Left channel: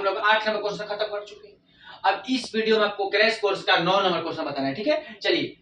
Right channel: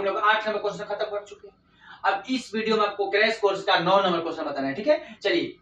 हम लोग 8 number question खत्म कर चुके हैं। अब इस वीडियो में आपको क्रैश कोर्स का 9 नंबर क्वेश्चन बताना है, ठीक है। चलिए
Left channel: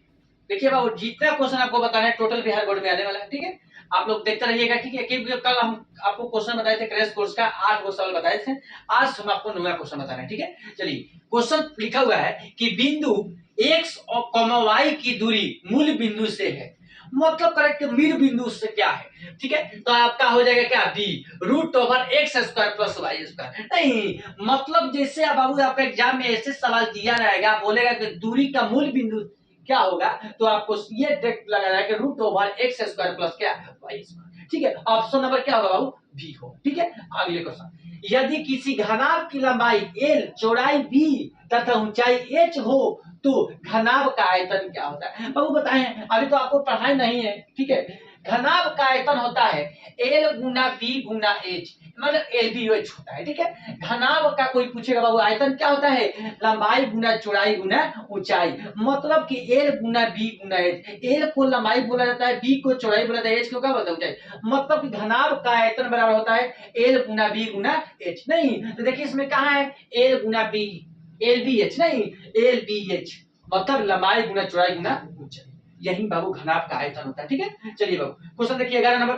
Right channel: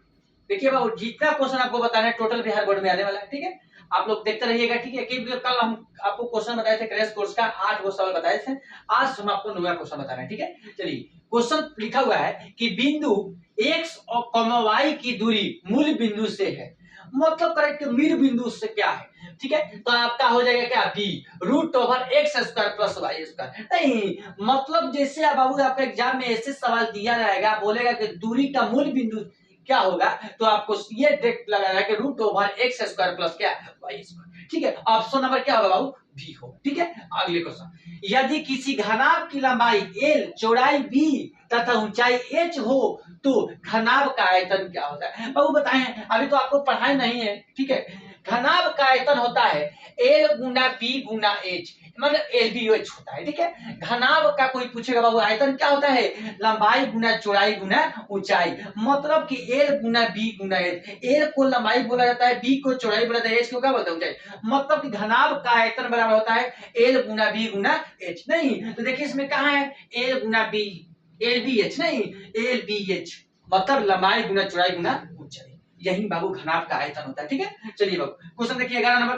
देखिए बाबू, जितना क्वेश्चन आपको बताना है टोटल बिहार बोर्ड में आने वाला है, ठीक है। आप लोग देखते रहिएगा, ठीक है। क्योंकि कल हम आपको क्वेश्चन बताए थे क्रैश कोर्स का 8 गो सवाल बताए थे, आज हम आपको 9वां क्वेश्चन बता रहे हैं, ठीक है। चलिए क्वेश्चन लिखा हुआ है कि बिंदु x और y की दूरी मूल बिंदु से है, मतलब करेक्ट मूल बिंदु से क्या है, ठीक है। तो आपका हो जाएगा क्या, b√x² प्लस y²। नहीं मतलब जैसे अब बाबू आपका एग्जाम में ऐसे सवाल दिया रहेगा, बोलेगा कि दूरी का मूल बिंदु क्या होगा, तो आपको ये देख लगाना है कि √x² प्लस क्या y², ठीक है। ऑप्शन नंबर क्या होगा बाबू, बी हो, ठीक है। अगले क्वेश्चन, यदि किसी घनाभ की लंबाई l, चौड़ाई b तथा ऊंचाई h हो तो घनाभ का आयतन क्या होता है। बाबू बताएं, अभी तो आपको पढ़ाई नहीं है, ठीक है। घनाभ का आयतन होता है l गुना b गुना h, मतलब LBH होता है, ठीक है। घनाभ का कोई पूछेगा बाबू आयतन क्या होता है, लंबाई गुना चौड़ाई गुना ऊंचाई, मतलब कि l गुना b गुना h। l को लंबाई बोला जाता है, b को चौड़ाई बोला जाता है, h को क्या बोलते हैं, ऊंचाई। मतलब कि घनाभ का आयतन बराबर होता है l गुना b गुना h। नहीं तो देखिए इसमें कहां है l गुना b, LBH नहीं LBH, मतलब लंबाई गुना चौड़ाई गुना ऊंचाई, यही बाबू घनाभ का आयतन होता है, ठीक है। चलिए बाबू क्वेश्चन देखिए 11 number,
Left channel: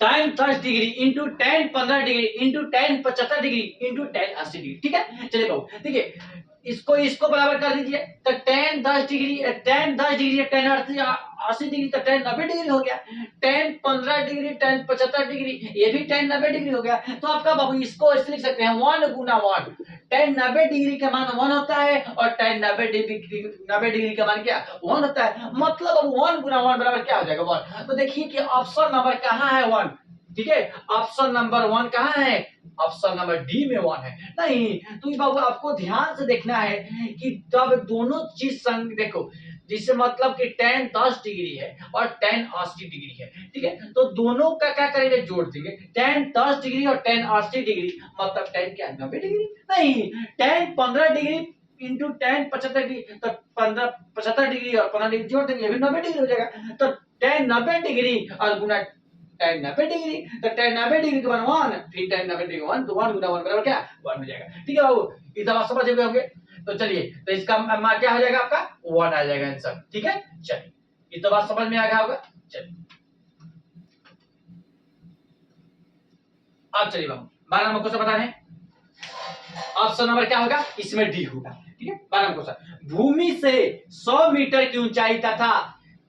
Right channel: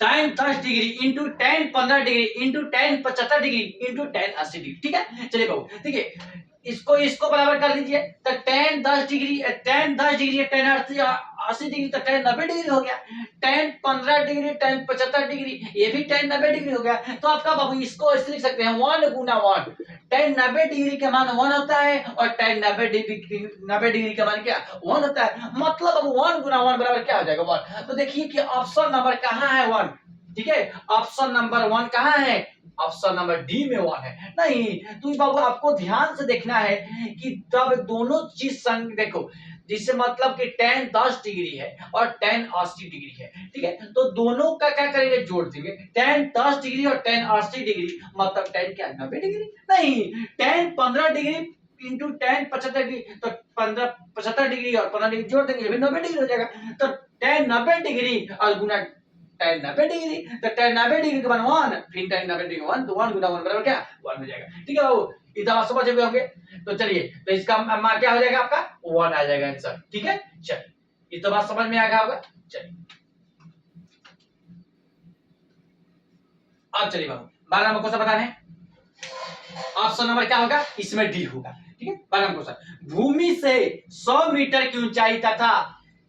tan 10 degree into tan 15 degree into tan 75 degree into tan 80 degree, ठीक है। चलिए बाबू देखिए इसको बराबर कर दीजिए, तो tan 10 degree tan 10 degree tan 80 degree तो tan 90 डिग्री हो गया, tan 15 डिग्री tan 75 डिग्री ये भी tan 90 डिग्री हो गया। तो आपका बाबू इसको ऐसे लिख सकते हैं 1 गुना 1, tan 90 डिग्री का मान 1 होता है और tan 90 डिग्री का मान क्या 1 होता है, मतलब अब 1 गुना 1 बराबर क्या हो जाएगा 1। तो देखिए कि ऑप्शन नंबर कहां है 1, ठीक है। ऑप्शन नंबर 1 कहां है, ऑप्शन नंबर डी में 1 है। नहीं तो बाबू आपको ध्यान से देखना है कि तब दोनों चीज संग देखो, जिससे मतलब कि tan 10 डिग्री है और tan 80 डिग्री है, ठीक है। तो दोनों का क्या करेंगे, जोड़ देंगे, tan 10 डिग्री और tan 80 डिग्री मतलब tan क्या 90 डिग्री। नहीं tan 15 degree into tan 75 degree, तो 15 75 डिग्री और 15 डिग्री जोड़ देंगे, ये भी 90 डिग्री हो जाएगा। तो tan 90 डिग्री और गुना tan 90 डिग्री, तो tan 90 डिग्री के मान 1, फिर tan 90 डिग्री 1, तो 1 गुना 1 बराबर क्या 1 हो जाएगा, ठीक है बाबू। इतना समझ गए होंगे। तो चलिए तो इसका मान क्या हो जाएगा आपका 1 आ जाएगा आंसर, ठीक है। चलिए ये तो बात समझ में आ गया होगा। चलिए अब चलिए बाबू 12 नंबर क्वेश्चन बता रहे हैं, ऑप्शन नंबर क्या होगा, इसमें डी होगा, ठीक है। 12 नंबर क्वेश्चन, भूमि से 100 मीटर की ऊंचाई तथा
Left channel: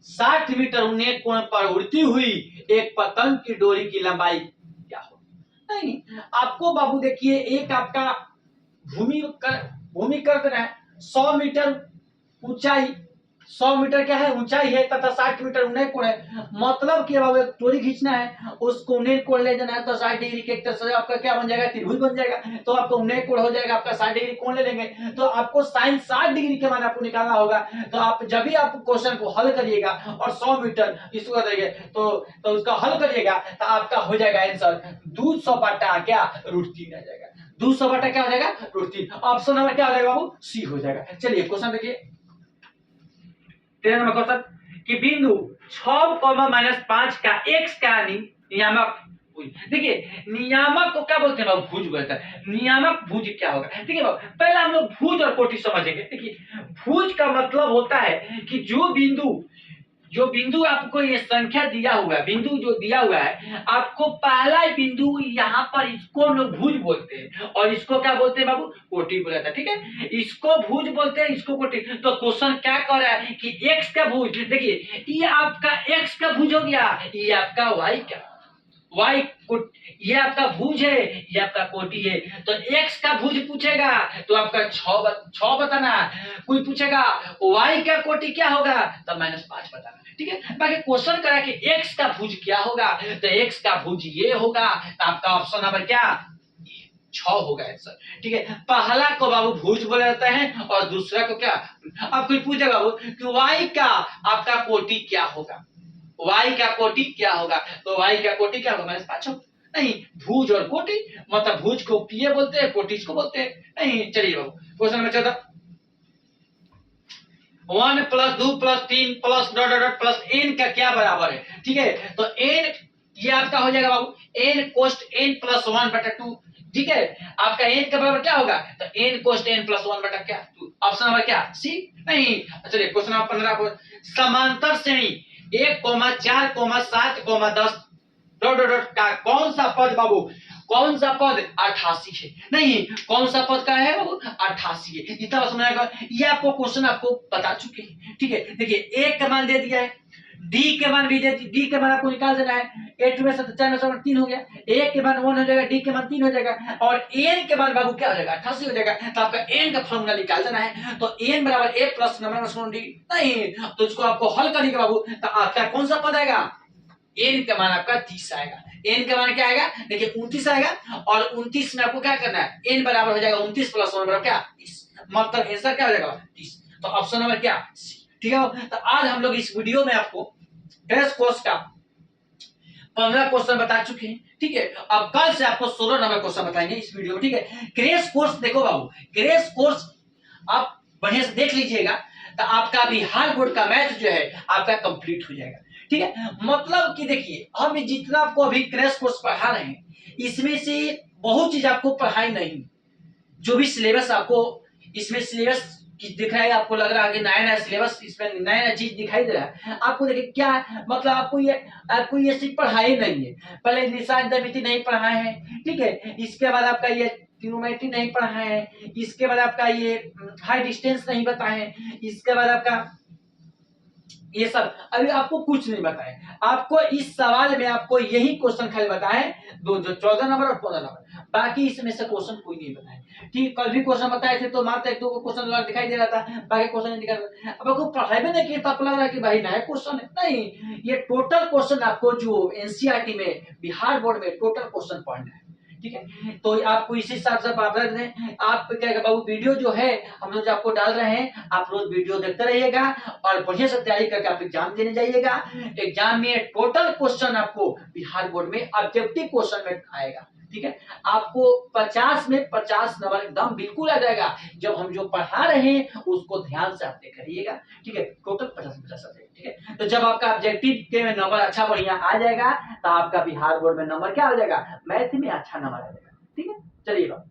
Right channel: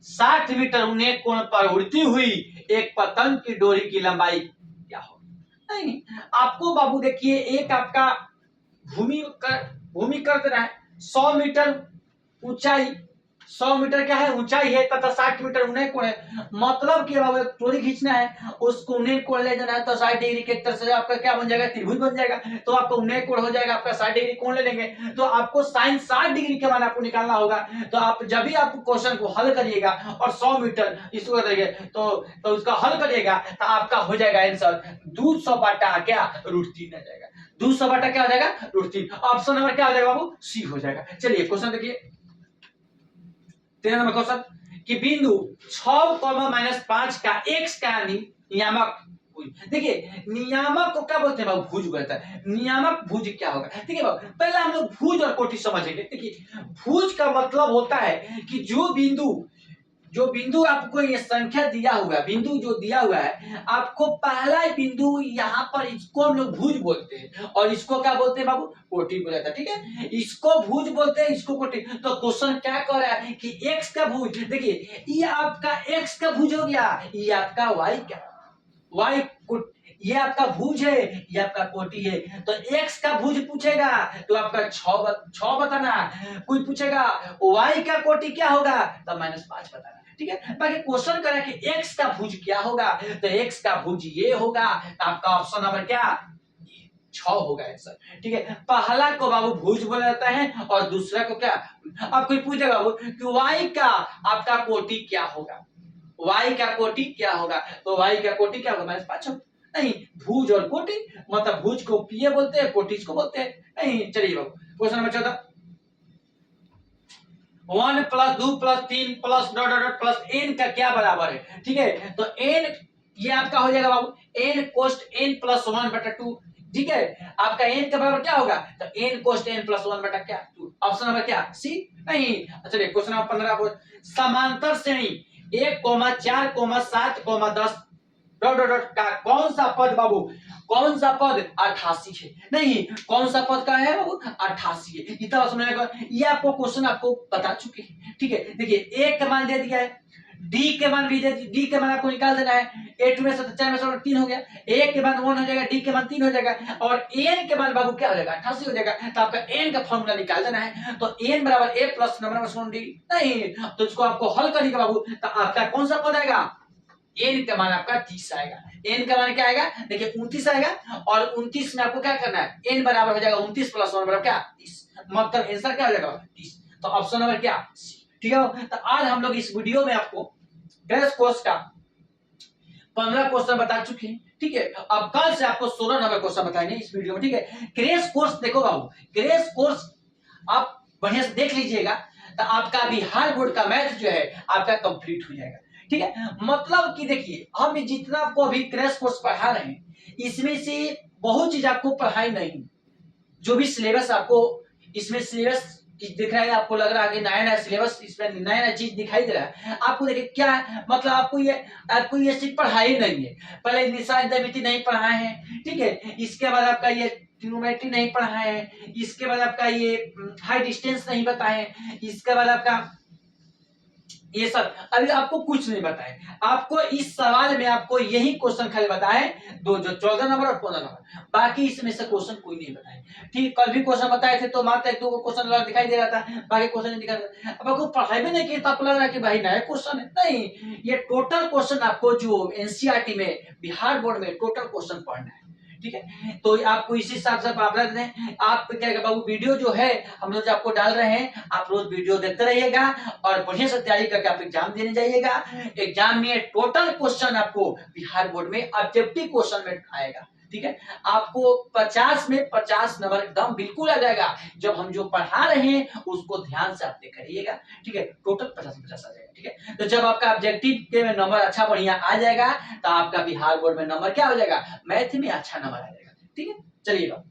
60 मीटर उन्नत कोण पर उड़ती हुई एक पतंग की डोरी की लंबाई क्या हो। नहीं आपको बाबू देखिए एक आपका भूमि कर देना है 100 मीटर ऊंचाई, 100 मीटर क्या है ऊंचाई है तथा 60 मीटर उन्नत कोण है, मतलब कि बाबू एक डोरी खींचना है, उसको उन्नत कोण ले जाना है, तो 60 डिग्री के एक तरह से आपका क्या बन जाएगा, त्रिभुज बन जाएगा। तो आपका उन्नत कोण हो जाएगा आपका 60 डिग्री कोण ले लेंगे, तो आपको sin 60 डिग्री के मान आपको निकालना होगा। तो आप जब भी आप क्वेश्चन को हल करिएगा और 100 मीटर इसको करिए तो उसका हल करिएगा तो आपका हो जाएगा आंसर 200 बटा क्या √3 आ जाएगा, 200 बटा क्या हो जाएगा √3। ऑप्शन नंबर क्या हो जाएगा बाबू, सी हो जाएगा। चलिए क्वेश्चन देखिए 13 नंबर क्वेश्चन, कि बिंदु 6, -5 का x का नियामक भुज, देखिए नियामक को क्या बोलते हैं बाबू, भुज बोलता है। नियामक भुज क्या होगा, ठीक है बाबू। पहले हम लोग भुज और कोटि समझेंगे। देखिए भुज का मतलब होता है कि जो बिंदु आपको ये संख्या दिया हुआ है, बिंदु जो दिया हुआ है आपको पहला बिंदु यहाँ पर, इसको लोग भुज बोलते हैं और इसको क्या बोलते हैं बाबू, कोटि बोला था, ठीक है। इसको भुज बोलते हैं, इसको कोटि। तो क्वेश्चन क्या कर रहा है कि x का भुज, देखिए ये आपका x का भुज हो गया, ये आपका y का y ये आपका भुज है, ये आपका कोटि है। तो x का भुज पूछेगा तो आपका 6 बताना, कोई पूछेगा y का कोटि क्या होगा तो -5 बताना, ठीक है। बाकी क्वेश्चन करा कि x का भुज क्या होगा, तो x का भुज ये होगा, तो आपका ऑप्शन नंबर क्या 6 होगा आंसर, ठीक है। पहला को बाबू भुज बोला जाता है और दूसरा को क्या, अब कोई पूछेगा बाबू कि y का आपका कोटि क्या होगा, y का कोटि क्या होगा, तो y का कोटि क्या होगा -5 होगा। नहीं भुज और कोटि, मतलब भुज को किए बोलते हैं, कोटि इसको बोलते हैं। नहीं चलिए बाबू क्वेश्चन नंबर 14, 1 + 2 + 3 + ... n का क्या बराबर है, ठीक है। तो n ये आपका हो जाएगा बाबू n कोस्ट n + 1/2 ठीक है। आपका n के बराबर क्या होगा, तो n कोस्ट n प्लस 1 बटा क्या, ऑप्शन नंबर क्या, सी। नहीं, चलिए क्वेश्चन नंबर 15 को, समांतर श्रेणी 1,4,7,10 डॉट डॉट डॉट का कौन सा पद बाबू, कौन सा पद 88 है, नहीं कौन सा पद का है बाबू 88 है। इतना समझाएगा, ये आपको क्वेश्चन आपको बता चुके हैं, ठीक है। देखिए एक का मान दे दिया है, डी के मान भी दे, डी के मान आपको निकाल देना है, 8 में से 4 में से 3 हो गया, ए के मान 1 हो जाएगा, डी के मान 3 हो जाएगा, और एन के मान बाबू क्या हो जाएगा 88 हो जाएगा। तो आपका एन का फॉर्मूला निकाल देना है, तो एन बराबर ए प्लस नंबर डी, नहीं तो इसको आपको हल करेंगे बाबू, तो आपका कौन सा पद आएगा, एन का मान आपका 30 आएगा। एन का मान क्या आएगा, देखिए 29 आएगा, और 29 में आपको क्या करना है, एन बराबर हो जाएगा 29 प्लस 1 बराबर क्या 30, मतलब आंसर क्या हो जाएगा 30। तो ऑप्शन नंबर क्या सी, ठीक है। तो आज हम लोग इस वीडियो में आपको क्रैश कोर्स का 15 क्वेश्चन बता चुके हैं, ठीक है। अब कल से आपको 16 नंबर क्वेश्चन बताएंगे इस वीडियो में, ठीक है। क्रैश कोर्स देखो बाबू, क्रैश कोर्स आप बढ़िया से देख लीजिएगा, तो आपका बिहार बोर्ड का मैथ जो है आपका कंप्लीट हो जाएगा, ठीक है। मतलब कि देखिए हम जितना आपको अभी क्रैश कोर्स पढ़ा रहे हैं, इसमें से बहुत चीज आपको पढ़ाई नहीं, जो भी सिलेबस आपको इसमें सिलेबस दिख रहा है, आपको लग रहा है कि नया नया सिलेबस, इसमें नया नया चीज दिखाई दे रहा है आपको, देखिए क्या है, मतलब आपको ये सिर्फ पढ़ाई नहीं है, पहले निशान ज्यामिति नहीं पढ़ाए हैं, ठीक है। इसके बाद आपका ये ट्रिग्नोमेट्री नहीं पढ़ाए हैं, इसके बाद आपका ये हाई डिस्टेंस नहीं बताए हैं, इसके बाद आपका ये सब अभी आपको कुछ नहीं बताए, आपको इस सवाल में आपको यही क्वेश्चन खाली बताए, दो जो 14 नंबर और 15 नंबर, बाकी इसमें से क्वेश्चन कोई नहीं बताए, ठीक। कल भी क्वेश्चन बताए थे तो मात्र 1-2 को क्वेश्चन दिखाई दे रहा था, बाकी क्वेश्चन नहीं दिखा रहा। अब आपको पढ़ाई में नहीं किया तो आपको लग रहा है कि भाई नया क्वेश्चन है, नहीं, ये टोटल क्वेश्चन आपको जो एनसीईआरटी में बिहार बोर्ड में टोटल क्वेश्चन पढ़ना है, ठीक है। तो आपको इसी हिसाब से आप क्या बाबू वीडियो जो है हम लोग आपको डाल रहे हैं, आप रोज वीडियो देखते रहिएगा और बढ़िया से तैयारी करके आप एग्जाम देने जाइएगा। एग्जाम में टोटल क्वेश्चन आपको बिहार बोर्ड में ऑब्जेक्टिव क्वेश्चन में आएगा, ठीक है। आपको 50 में 50 नंबर एकदम बिल्कुल आ जाएगा, जब हम जो पढ़ा रहे हैं उसको ध्यान से आप करिएगा, ठीक है। टोटल 50 में 50 आ जाएगा, ठीक है। तो जब आपका ऑब्जेक्टिव के में नंबर अच्छा बढ़िया आ जाएगा, तो आपका बिहार बोर्ड में नंबर क्या हो जाएगा, मैथ में अच्छा नंबर आ जाएगा, ठीक है। चलिए बाबू।